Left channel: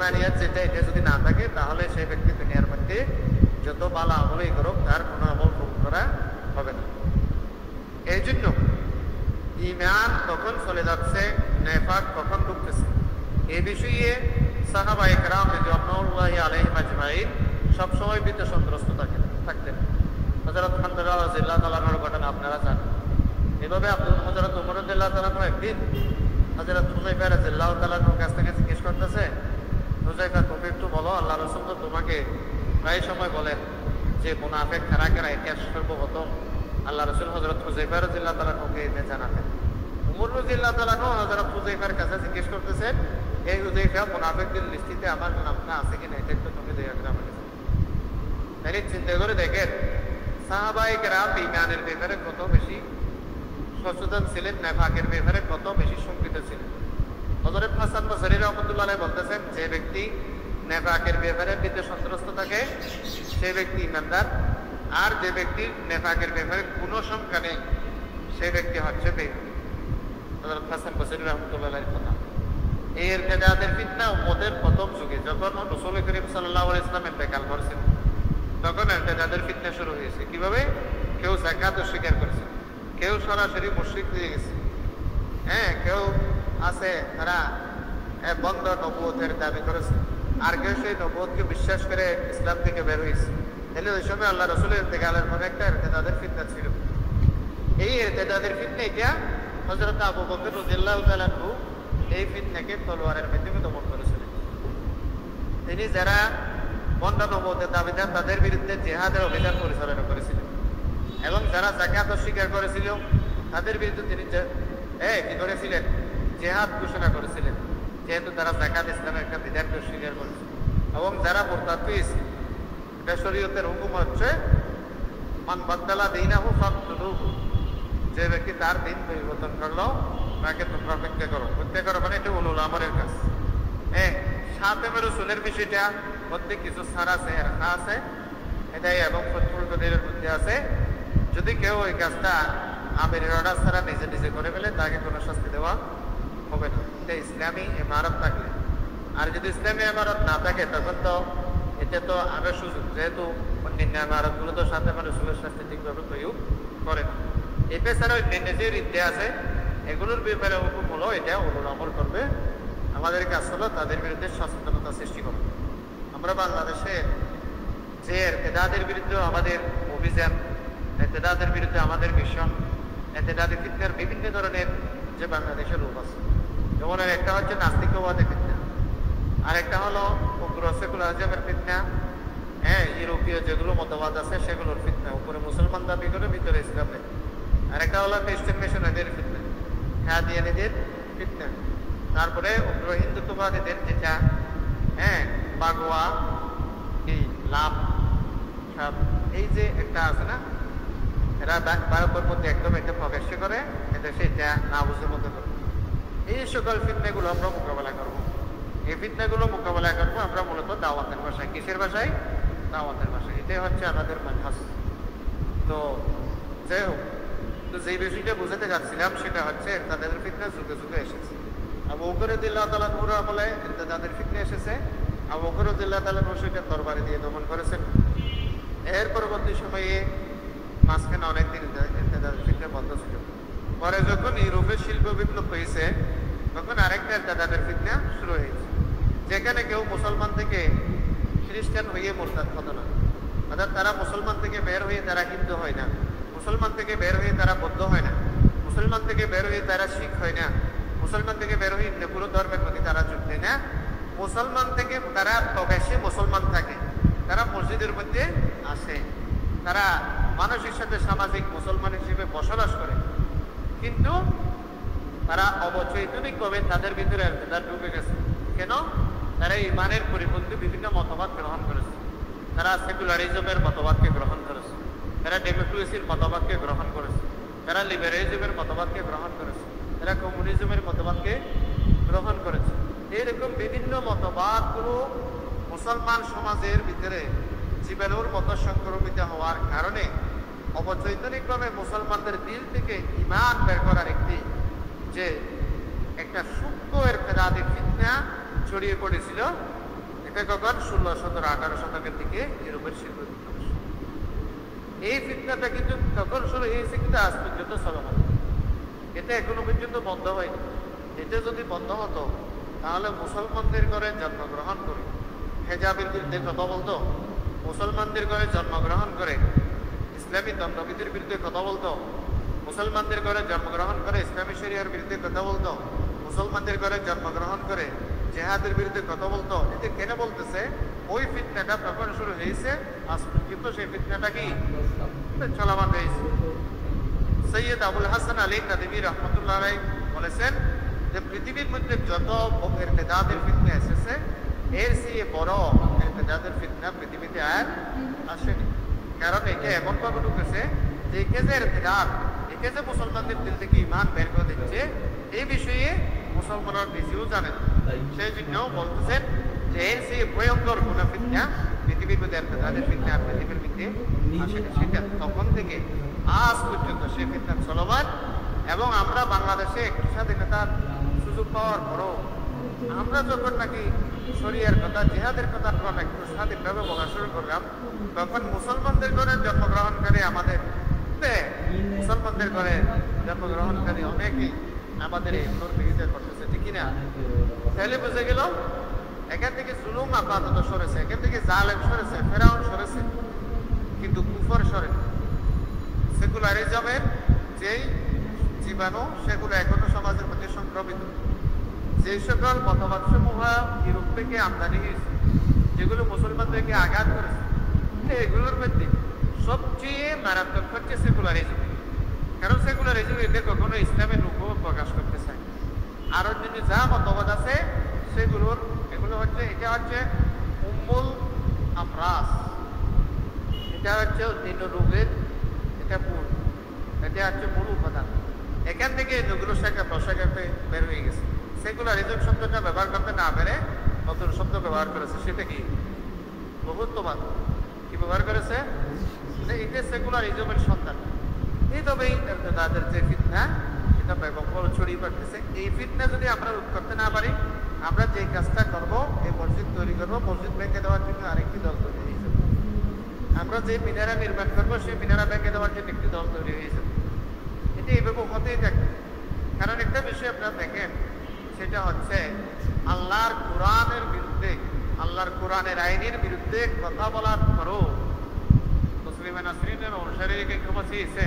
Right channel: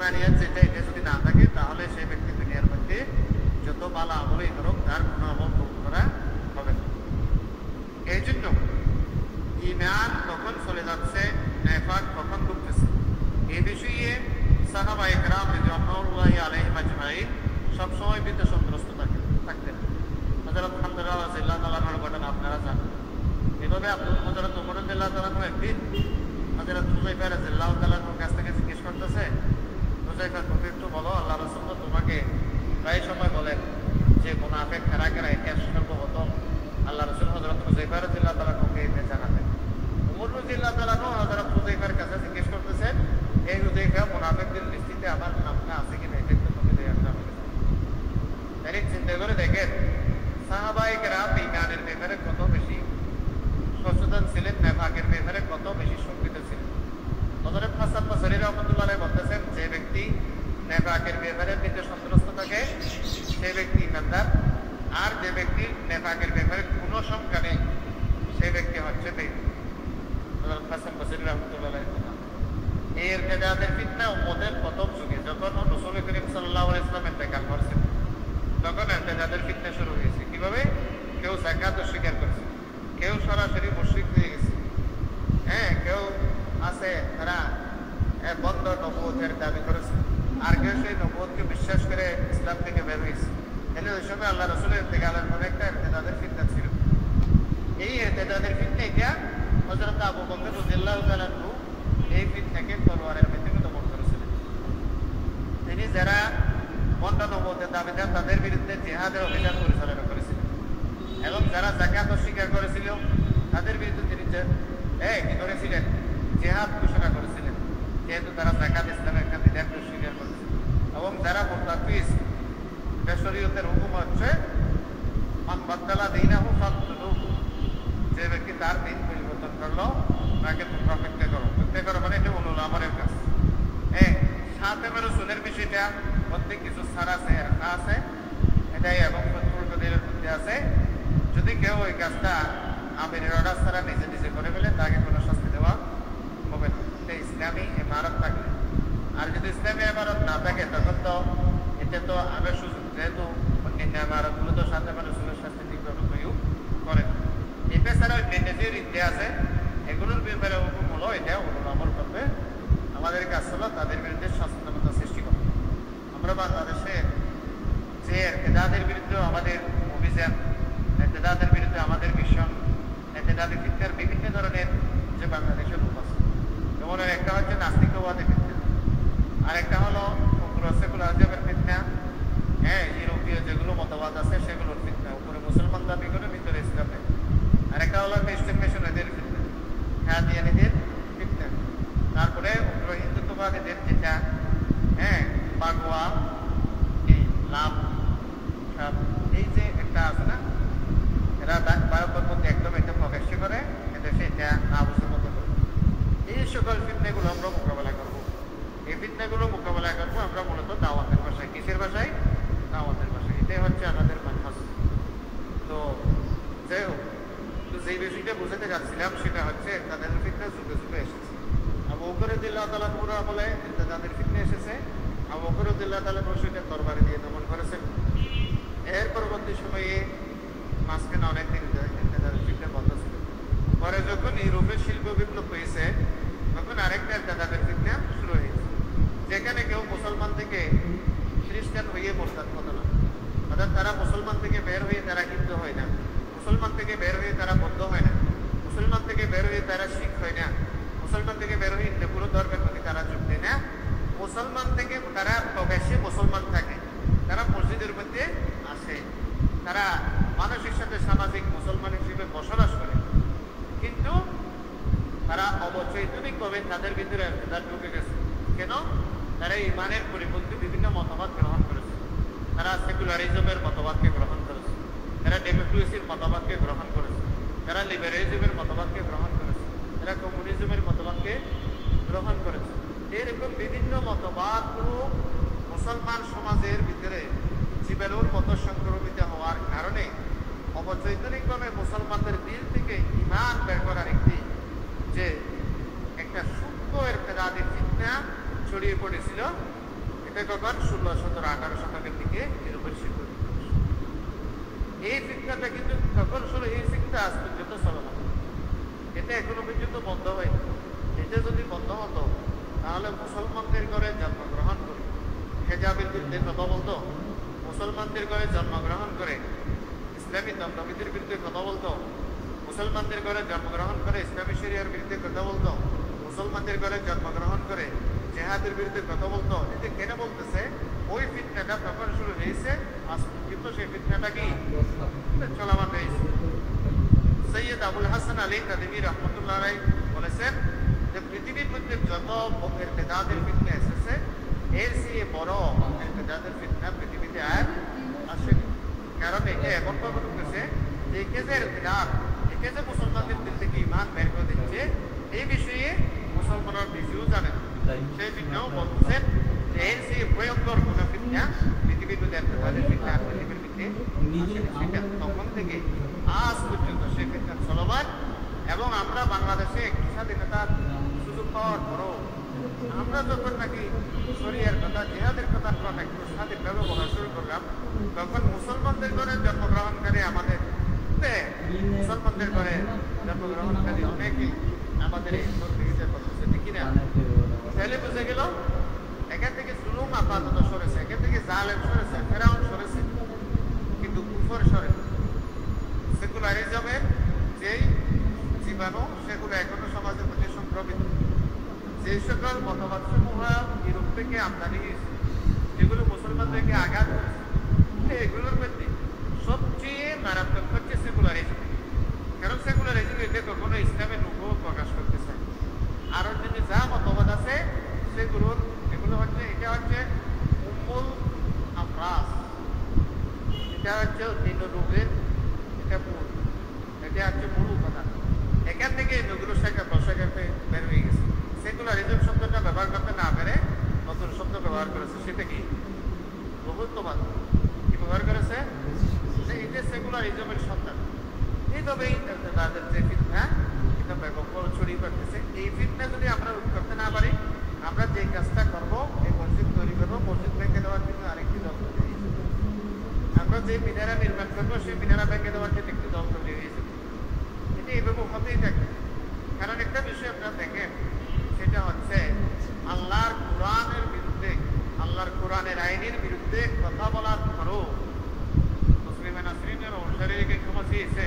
যেটা এটা যদি না থাকে তাহলে সেই ব্যক্তি দুনিয়ার মধ্যে যত ভালো আমলই করুক তার কোনো আমল কবুল করা হবে না। এই জন্য ঈমান কখন চলে যাচ্ছে, নেফাক কখন ঢুকতেছে, এই বিষয়ে সাহাবায়ে কেরাম রাদিয়াল্লাহু আলাইহিম আজমাইন সবসময় ভীত সন্ত্রস্ত থাকতেন। হযরত হামজা রাদিয়াল্লাহু তাআলা আনহুর ঘটনা আপনারা জানেন। এভাবে হযরত ওমর রাদিয়াল্লাহু তাআলা আনহু একদিন হযরত হুযায়ফা রাদিয়াল্লাহু তাআলা আনহুর কাছ থেকে জিজ্ঞেস করতেছে, হুযায়ফা তুমি একটু বলো, আল্লাহ রাসূল তোমাকে প্রায় সময় বলেন যে মুনাফিক কারা কারা, এটা সর্বপ্রথম আল্লাহ রাসূল হযরত হুযায়ফা রাদিয়াল্লাহু তাআলা আনহুকে জানাতেন। ওমর রাদিয়াল্লাহু তাআলা আনহু হযরত হুযায়ফার কাছে জিজ্ঞেস করতেছেন, এই হুযায়ফা মুনাফিকদের লিস্টিতে আমার নামটা আছে কিনা এটা একটু তুমি দেখে রাখবে। তাই চিন্তা করে দেখেন সাহাবায়ে কেরাম ঈমানের ব্যাপারে কত বেশি সচেতন ছিলেন, নেফাকের ব্যাপারে কত বেশি শঙ্কিত ছিলেন। হযরত হাসান বসরি রাহমাতুল্লাহ আলাইহি বলতেছেন, যে ব্যক্তি নেফাকের ব্যাপারে ভীত সন্ত্রস্ত থাকে সেই ব্যক্তি ঈমানদার, আর যে ব্যক্তি নেফাকের ব্যাপারে কোনো শঙ্কা নেই সেই ব্যক্তি হচ্ছে বেঈমান। হযরত হাসান বসরি রাহমাতুল্লাহ আলাইহি কথা। এই ইরতিদাদের ফিতনা উম্মতের প্রথম যুগে যখন রাসূল করিম সাল্লাল্লাহু আলাইহি ওয়াসাল্লাম ইন্তেকাল করেছেন তখন ইরতিদাদের ফিতনা শুরু হয়েছে। কিভাবে? কেউ যাকাত অস্বীকার করেছে, কেউ সরাসরি মুশরিক হয়ে গেছে, কেউ আছে তারা বন্ধ নবুয়তের দাবি করেছে, আর কেউ সেই নবুয়তকে বিশ্বাস করে ইসলাম থেকে বের হয়েছে। তাহলে ওই সময় আল্লাহ রাসূলের ইন্তেকালের পরে একটা ইরতিদাদের ফিতনা ছিল। এই ইরতিদাদের ফিতনা এটা হযরত আবু বকর রাদিয়াল্লাহু তাআলা আনহু এই ফিতনাকে তলোয়ারের মাধ্যমে দমন করেছিলেন। তিনি যারা বন্ধ নবুয়তের দাবিদার তাদের বিরুদ্ধে জিহাদের অভিযান পরিচালনা করেছিলেন, এবং যারা যাকাত অস্বীকার করেছিল তাদের বিরুদ্ধে তিনি কি করেছিলেন? জিহাদ ঘোষণা করেছিলেন, যেহেতু তারা যাকাত ইসলামের একটা বিধানকে অস্বীকার করেছে। এবং যারা মুরতাদ হয়েছে, শরীয়তের হুকুম হচ্ছে মান বাদদালা দীনাহু ফাকতুলুহু, যে ব্যক্তি তার দিন পরিবর্তন করলো তাকে তোমরা হত্যা করো। হত্যা করো মানে এটা উলুল আমরের কাজ। সাথে রাসূলের বিষয়টা প্রত্যেক কিছু ছাড় আছে, আছে এটাই, এবং শত্রুদের বুদ্ধি আছে। যদি কেউ ওই কাজটা আমিরের অর্ডার ছাড়া নিজে নিজে করে ফেলে তাকে কোনো শাস্তি দেওয়া হবে না। এটা ইসলামী ইমারত থাকলে। আর যদি ইসলামী ইমারত না থাকে তখন তো এটা তো আগে সুযোগ, যেহেতু অন্যান্য ইমারতগুলো তো সাথে রাসূলের শাস্তি ঠিকভাবে প্রয়োগ করে না। এটা ছাড়া নিজের ইচ্ছে আছে, এগুলোর ব্যাপারে হুকুম হলো এটা উলুল আমর করবে। আমাদের কাজ হলো তাদের বিরুদ্ধে সচেতনতা সৃষ্টি করবে। আমরা বাংলাদেশে যে ইরতিদাদের বিরুদ্ধে আমাদের অভিযান, ইরতিদাদের বিরুদ্ধে আমাদের মিশন, ইরতিদাদের ফিতনার বিভিন্ন ধরনের যে বাংলাদেশের রূপ আছে, যেমন একটা হচ্ছে নাস্তিকবাদের ফিতনা, আর একটা হলো সেকুলারিজমের ফিতনা, ইউরোপীয় যেগুলো মতবাদ আছে সেগুলোর ফিতনা, উপরে মুসলমান দাবি করে ভিতরে ইসলাম নেই। আর একটা হলো খ্রিস্টান মিশনারিদের ফিতনা, হাদিয়ানীদের ফিতনা, তারপরে উগ্র হিন্দুত্ববাদীদের যেটা বাগোয়া এই লাভ সব, এই যে একটা আছে না, এরা ভারতের মধ্যে একদম এটা প্রকাশ্য করে, এটা সেটা না বুঝে মধ্যে করে। এই সকল ফিতনাগুলো আমরা মোকাবেলা করবো। এই ফিতনাগুলো মোকাবেলা করবো আমরা মূলত দাওয়াতের ভাষায়। কিসের ভাষায়? দাওয়াতের ভাষায়। এটাই হচ্ছে আমাদের মানহাজ। তো যাই হোক, তো যে বিষয়টা বুঝাতে যাচ্ছিলাম সেটা হচ্ছে তাদের ফিতনা যুগে যুগে এসেছে। আবু বকর রাদিয়াল্লাহু তাআলা আনহু বলে তাদের ফিতনা এসেছে, আবু বকর রাদিয়াল্লাহু তাআলা আনহু সেটা তরবারি দিয়ে দমন করেছেন। এর পরবর্তী সময়ে মাঝখানে অনেকদিন তাদের ফিতনা বন্ধ ছিল। পরে যখন ইউরোপের শিল্প বিপ্লব হয়েছে তখন আরেকটা তাদের ফিতনা শুরু হয়েছে, যেখানে কেউ মুসলমান থেকে খ্রিস্টান হয়ে মুরতাদ হতো না। অর্থাৎ তারা মুসলমান থেকে বের হয়ে তারা হিন্দু হয় না, মুসলমান থেকে বের হয়ে তারা বৌদ্ধ হয় না, মুসলমান থেকে বের হয়ে তারা শিখ হয় না, মুসলমান থেকে বের হয়ে অন্য কোনো ধর্মের প্রতি তারা যোগ দেয় না। মুসলমান থেকে তারা প্রকাশ্যে মুসলমান থাকে, তারা মসজিদের মধ্যে আসে, তারা মানুষের সাথে সামাজিক মুসলমান হিসেবে বসবাস করে, কিন্তু তারা অবচৈতনিকভাবে তাদের ভিতরে ঢুকে গেছে। কেন? তারা ইমানের পরিপন্থী বিভিন্ন মতবাদ গ্রহণ করেছে, তারা সেকুলারিজমের মতবাদকে গ্রহণ করেছে, তারা ডেমোক্রেসির মতবাদকে গ্রহণ করেছে, তারা লিবারেলিজমের মতবাদকে গ্রহণ করেছে, তারা কমিউনিজমের মতবাদকে গ্রহণ করেছে। এরকম বিভিন্ন মতবাদগুলো মুসলমান সমাজের ভিতরে জীবাণুর মতো সংক্রমিত হওয়ার কারণে অবচৈতনিকভাবে মুসলমানদের দিল থেকে ঈমান বের করার একটি যে একটা সূক্ষ্ম ইরতিদাদি ফিতনা ছড়িয়ে পড়েছিল। এটা কখন 16, 17, 18 শতকের দিকে ইউরোপের শিল্প। এই ফিতনাটা কিন্তু তখন শুরু হয়েছে, কিন্তু আজ পর্যন্ত চলমান। এটা এখনো পর্যন্ত বন্ধ হয়নি। এটা যদি বন্ধ হতো তাহলে মুসলমানদের ঘরে জন্মগ্রহণ করে হেজাবের বিরুদ্ধে কথা বলতো, মুসলমানদের ঘরে জন্মগ্রহণ করে ইসলামী দণ্ডবিধির বিরুদ্ধে কথা বলতো, মুসলমানদের ঘরে জন্মগ্রহণ করে ইসলামী শরিয়ার বিরুদ্ধে কথা বলতো, মুসলমানদের ঘরে জন্মগ্রহণ করে জেহাদের বিরুদ্ধে কথা বলতো। কিন্তু কেন বলতেছে? ওই ফিতনাটা তখন শুরু হয়েছে, আজ পর্যন্ত সেই ফিতনাটা কি চলমান হয়েছে। সৈয়দ আবুল হাসান আলী নাদিমি রহমতুল্লাহ আলাইহি বলেছেন যে পৃথিবীর মধ্যে যত ইরতিদাদের ফিতনা এসেছে, এর চেয়ে বড় ইরতিদাদের ফিতনা পৃথিবীতে আর আসেনি। কারণ এটা এমন ভাবে ঢুকেছে যে একে যে ইরতিদাদ, একে যে মুসলমানদের দিল থেকে ঈমান বের করে দিচ্ছে, এই বিষয়ে মুসলমানরা নিজেও জানেন। সেই জন্য বলতেছেন যে এর চেয়ে ভয়ঙ্কর কোন ফিতনা পৃথিবীর মধ্যে ইরতিদাদের ফিতনা পৃথিবীর মধ্যে সেটা তখন থেকে আজ পর্যন্ত সে ফিতনা চলমান। এবং আমরা বাংলাদেশে একটু স্বাধীনতার সুযোগ পাওয়ার পরও আমরা যখন নাকি শরিয়ার কথা, জিহাদের কথা আমরা একটু স্বাধীনভাবে বলা শুরু করলাম, তখন মুসলমানদের ঘরে জন্মগ্রহণকারী আমাদের মুসলমানদের ঘরে জন্মগ্রহণকারী অনেকেই আমাদের এই বিরোধিতা করতেছে, ঠিক না? তাহলে বুঝে গেল এখান থেকে জুলুম আপাতত সরেছে, এখান থেকে জালেম সরেছে, ফেরাউন সরেছে, কিন্তু কুফর সরে। সেকুলারিজমের যেই জীবাণু সেগুলো এখনো সমাজের মধ্যে সংক্রমিত। যে সকল মতবাদ সমূহ ইউরোপ থেকে আমদানি হয়েছে, যেগুলো মুসলমানদেরকে আঘাত করেছে, এগুলোর মধ্যে সবচেয়ে মারাত্মক হচ্ছে সেকুলারিজম। কারণ সেকুলারিজম এতে কখনো ইসলামের রূপ প্রকাশ করতে চায়। আর অন্যান্য যা মতবাদ আছে সেগুলোর এগুলো হচ্ছে, এটা হচ্ছে উম্মুল আমরাজ, এটা হচ্ছে অন্যান্য রোগের এটা হচ্ছে মূল উপাদান। এখান থেকে নজরুল শাখা প্রশাখাতে বের হয়ে গেছে। সেকুলারিজম শব্দটা ব্যবহার করতে না পেরে নতুন শব্দ ব্যবহার করেছে, সেটা কি বহুত্ববাদ। কি ব্যবহার করেছে? এটা সেকুলারিজমের সন্তান। এইভাবেই তাদের যে ফিতনা সেটা ব্যাপক ছড়িয়ে পড়তেছে। এই ফিতনা যদি আমরা রোধ করতে না পারি, আমরা যে কাজটা করবো, এই মসজিদ তৈরি করবো, মসজিদ ভেঙে দেওয়ার জন্য আরেকটি দল তৈরি হয়েছে। আমরা যে মিনারা নির্মাণ করবো, সেই মিনারা ভেঙে দেওয়ার জন্য একটি দল তৈরি হয়েছে। এটা এইভাবে হতেই থাকবে। কারণ একটা বিষয় আপনারা দেখেন, সেটা হচ্ছে আল্লাহর কোরআনের বিরুদ্ধে, আল্লাহর কোরআনের আইনের বিরুদ্ধে কথা বলার পরও মুসলিম নাসরিনের অনুসারীকে ক্ষমা চেয়েছে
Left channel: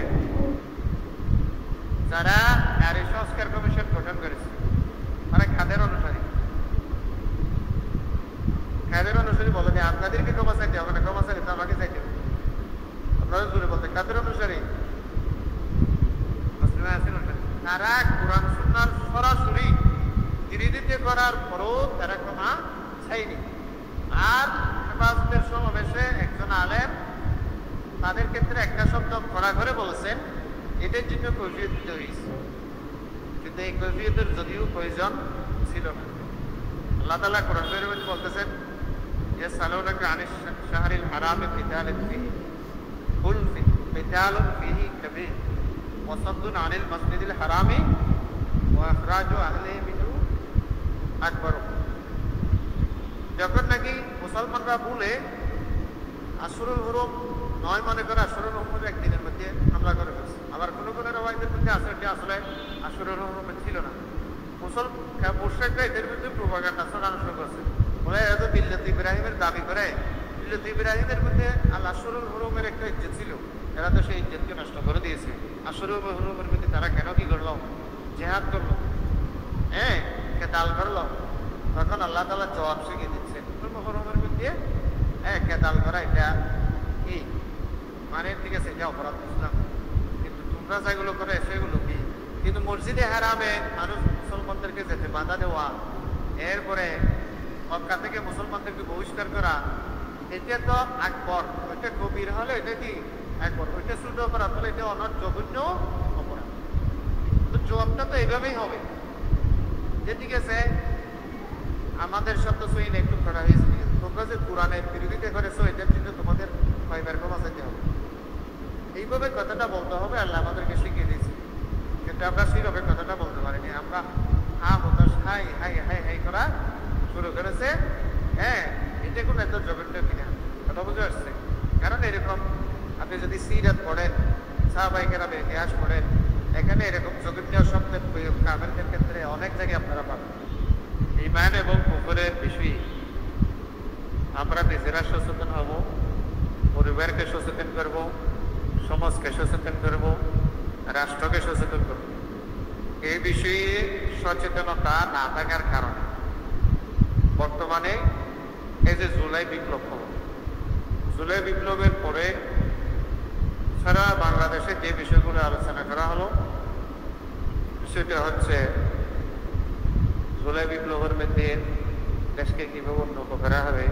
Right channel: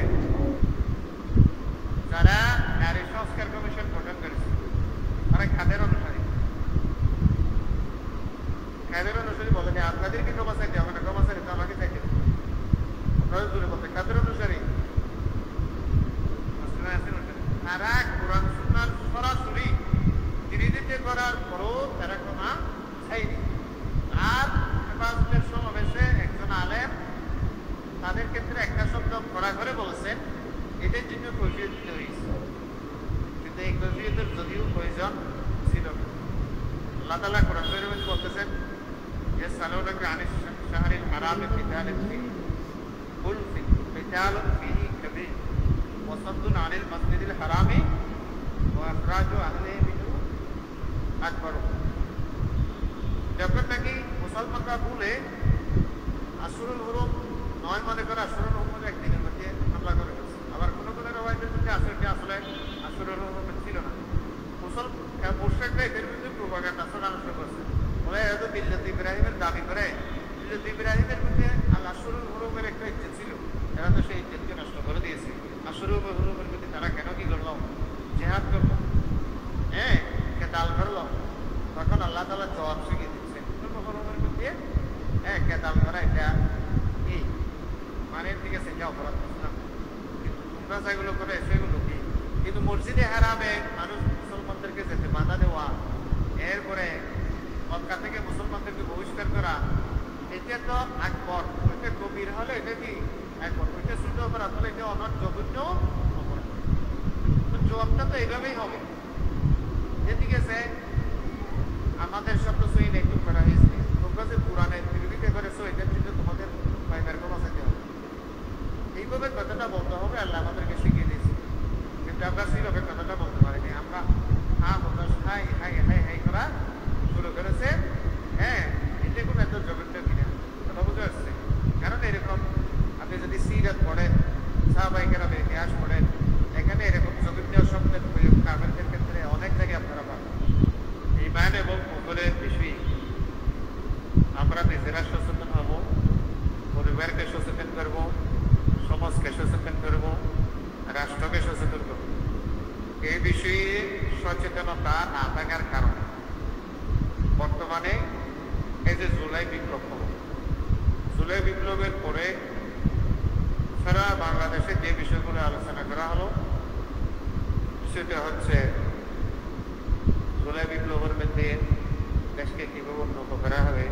যারা নারী সংস্কার কমিশন গঠন করেছে, মানে কাদের অনুসারী। কাদের অনুসারী বলে যে আপনাদেরকে ক্ষমা চাইতে হবে না, ক্ষমা চাইতে আমাকে চাইতে। আপনারা জুড়ে বলতে কাদের অনুসারী? তারা কোরআন সুন্নাহর সরাসরি বিরোধিতা করার পরও তারা ক্ষমা চাইনি। আর হেফাজতের সমাবেশে একজন আলেম তাদের ক্ষেত্রে একটা শব্দ করা করে বলছেন, এদের জন্য কৈফিয়ত দিতে হয়েছে, কিন্তু এই কৈফিয়তের যদিও প্রয়োজন ছিল না। আল্লাহ তাআলা কোরআন শরীফে বলতেছেন, ইয়াসআলুনাকা আনিশ শাহরিল হারামি কিতালুন ফীহি কুল কিতালুন ফীহি কাবীর ওয়া সাদ্দুন আনিল মাসজিদিল হারামি ওয়া ইখরাজু আহলিহি মিনহু আকবার। যখন নাকি মুসলমানরা বলে আশুরুল হুরুম নয় মনে করে আশুরুল হুরুম একদিনের মধ্যে হামলা করে বলছে, আবার কোনো কোনো রওয়ায়েতের মধ্যে আছে যে আসলে আশুরুল হুরুম ছিল না। মুশরিকরা এদের বিরুদ্ধে প্রোপাগান্ডা ছড়ানো শুরু করছে, বলে এত মিল্লাত ইব্রাহিমের দাবি করে। মিল্লাত ইব্রাহিমের মধ্যে আল আশুরুল হুরুমের একটা ইজ্জত ছিল, এরা তো সেই ইজ্জতকে নষ্ট করে দিয়েছে। আশুরুল হুরুমের মধ্যে তারা কেন কি করলো? জিহাদ করলো, হ্যাঁ, কেতাল করলো। তখন আল্লাহ তাআলা জবাব শিখিয়ে দিচ্ছে, হুরুমের মধ্যে হ্যাঁ কেতাল করা এটা কি মানে ঠিক আছে, এটা অপরাধ বুঝলাম, কিন্তু তোমরা যেগুলো করে সেগুলো কি? কিন্তু মসজিদে হারামে মানুষ মুসলমানদেরকে যেতে বাধা দেওয়া, এরপরে মক্কা থেকে মুসলমানদেরকে বহিষ্কার করা, এটা তো আকবর। এটা গভীর হলে এটা কি আকবর, এটা শুদ্ধ অপরাধ হলে এটা অনার জঘন্য অপরাধ। তো জবাবটা তো এইভাবেই হবে যে ঠিক আছে, আমাদের শব্দ সহিত একটু করা হয়েছে, তোমরা যে কোরআনের বিরোধিতা করেছো এটার জন্য তোমাদের ফাইবার কমা চাইতে হবে। এইভাবে কথাটা বলতে হবে। আল্লাহ আমাদেরকে শিখিয়ে দিয়েছে, আমরা সেইভাবে কথাটা বলতে পারিনি। আমরা হাই হাই হাই হাই করা শুরু আমরা নিজেরা সচেতন হব, পরিবারকে সচেতন করব, সমাজকে সচেতন করব, রাষ্ট্রকে সচেতন করব। এই বিষয়ে সচেতনতা না থাকার কারণে বর্তমানে এই যে জুলাই বিপ্লব হলো, জুলাই বিপ্লবের পরে সারা বাংলাদেশে যে বিষয়গুলো আলোচনা করা হলো সেটা হচ্ছে জুলাই বিপ্লবের মধ্যে দেশকে কিভাবে উন্নত করা হবে,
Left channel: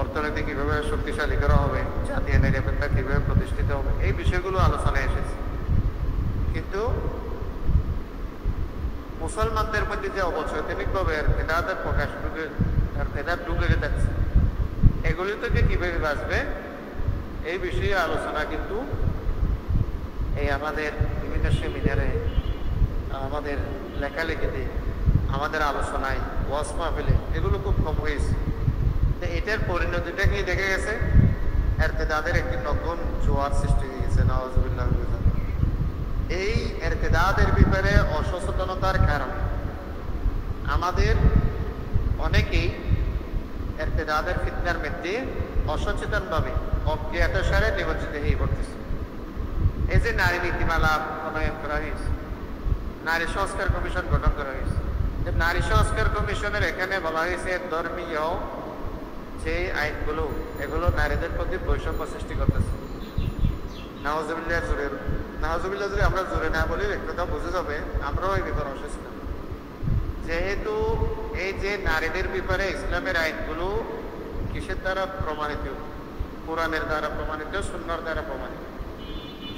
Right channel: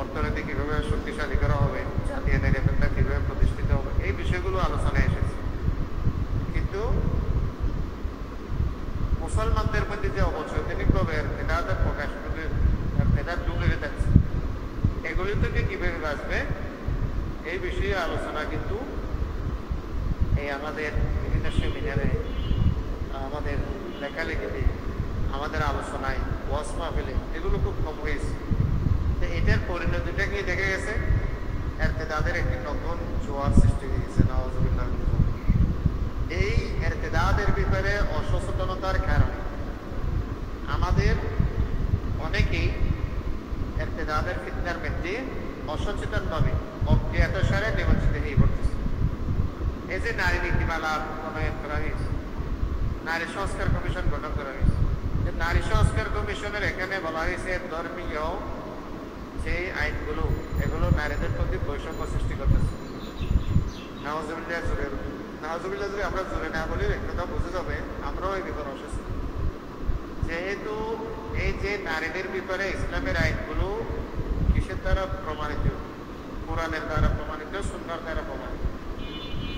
অর্থনীতি কিভাবে শক্তিশালী করা হবে, জাতীয় নিরাপত্তা কিভাবে প্রতিষ্ঠিত হবে, এই বিষয়গুলো আলোচনায় এসেছে। কিন্তু মুসলমানদের মধ্যে যে অবচৈতনিকভাবে এরতেদাদের প্রকাশ এরতেদাদ ঢুকে যাচ্ছে, এগুলি থেকে কিভাবে বাঁচবে এই বিষয়ে আলোচনা কিন্তু এই আমাদের বিভিন্ন সেমিনারে, আমাদের লেখালেখিতে, আমাদের আলোচনায়, ওয়াজ মাহফিলে এগুলো খুব কম হয়েছে। এটার পরিণতিটা কি দেখে গেছে, এরতেদাদের একটি নতুন জোয়ার সৃষ্টি হয়েছে। নাউজুবিল্লাহ। এই এরতেদাদের ব্যাপারে অসচেতনতার কারণে আমাদের অনেকেই এরতেদাদের ফিতনার মধ্যে অসচেতনভাবে অজ্ঞাতসারে নিমজ্জিত হয়ে পড়তেছে। এই যে নারী নীতিমালা প্রণয়ন করা হয়েছে, নারী সংস্কার কমিশন গঠন করা হয়েছে, নারী সংস্কার কমিশনের এখানে বলা হয়েছে ধর্মীয় যে আইনগুলো এগুলো নারীদের প্রতি বৈষম্য সৃষ্টি করতেছে। নাউজুবিল্লাহ জোরে, নাউজুবিল্লাহ জোরে আমরা জোরে না বলি কথা বুঝে যাবে, আমরাও এই ব্যাপারে অসুস্থ। যেহেতু এই যে নারীদের ব্যাপারে ইসলামের আইনগুলো কিসের দ্বারা প্রমাণিত, কোরআনের দ্বারা প্রমাণিত, সুন্নাহর দ্বারা প্রমাণিত,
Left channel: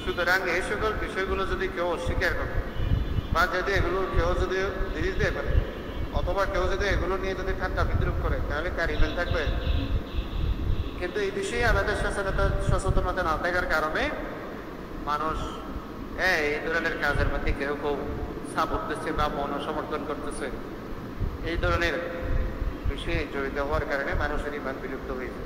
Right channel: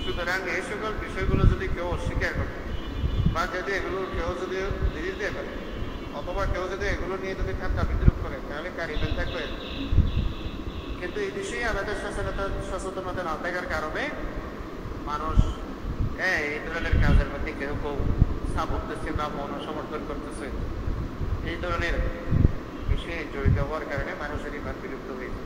সুতরাং এই সকল বিষয়গুলো যদি কেউ অস্বীকার করে বা যদি এগুলো কেউ যদি দিতে পারে অথবা কেউ যদি এগুলো নিয়ে যদি ঠান্ডা বিদ্রুপ করে তাহলে তার ইমেল থাকবে। কিন্তু এই বিষয়ে আমাদের সচেতনতা না থাকার কারণে মানুষ এই ধরনের কাজের মধ্যে কেউ কেউ সাপোর্ট দিচ্ছে বা মনসমর্থন করতেছে। এই ধরনের বিষয়ে জড়িত হওয়ার কারণে মানুষের ইমান বিলুপ্ত হয়েছে।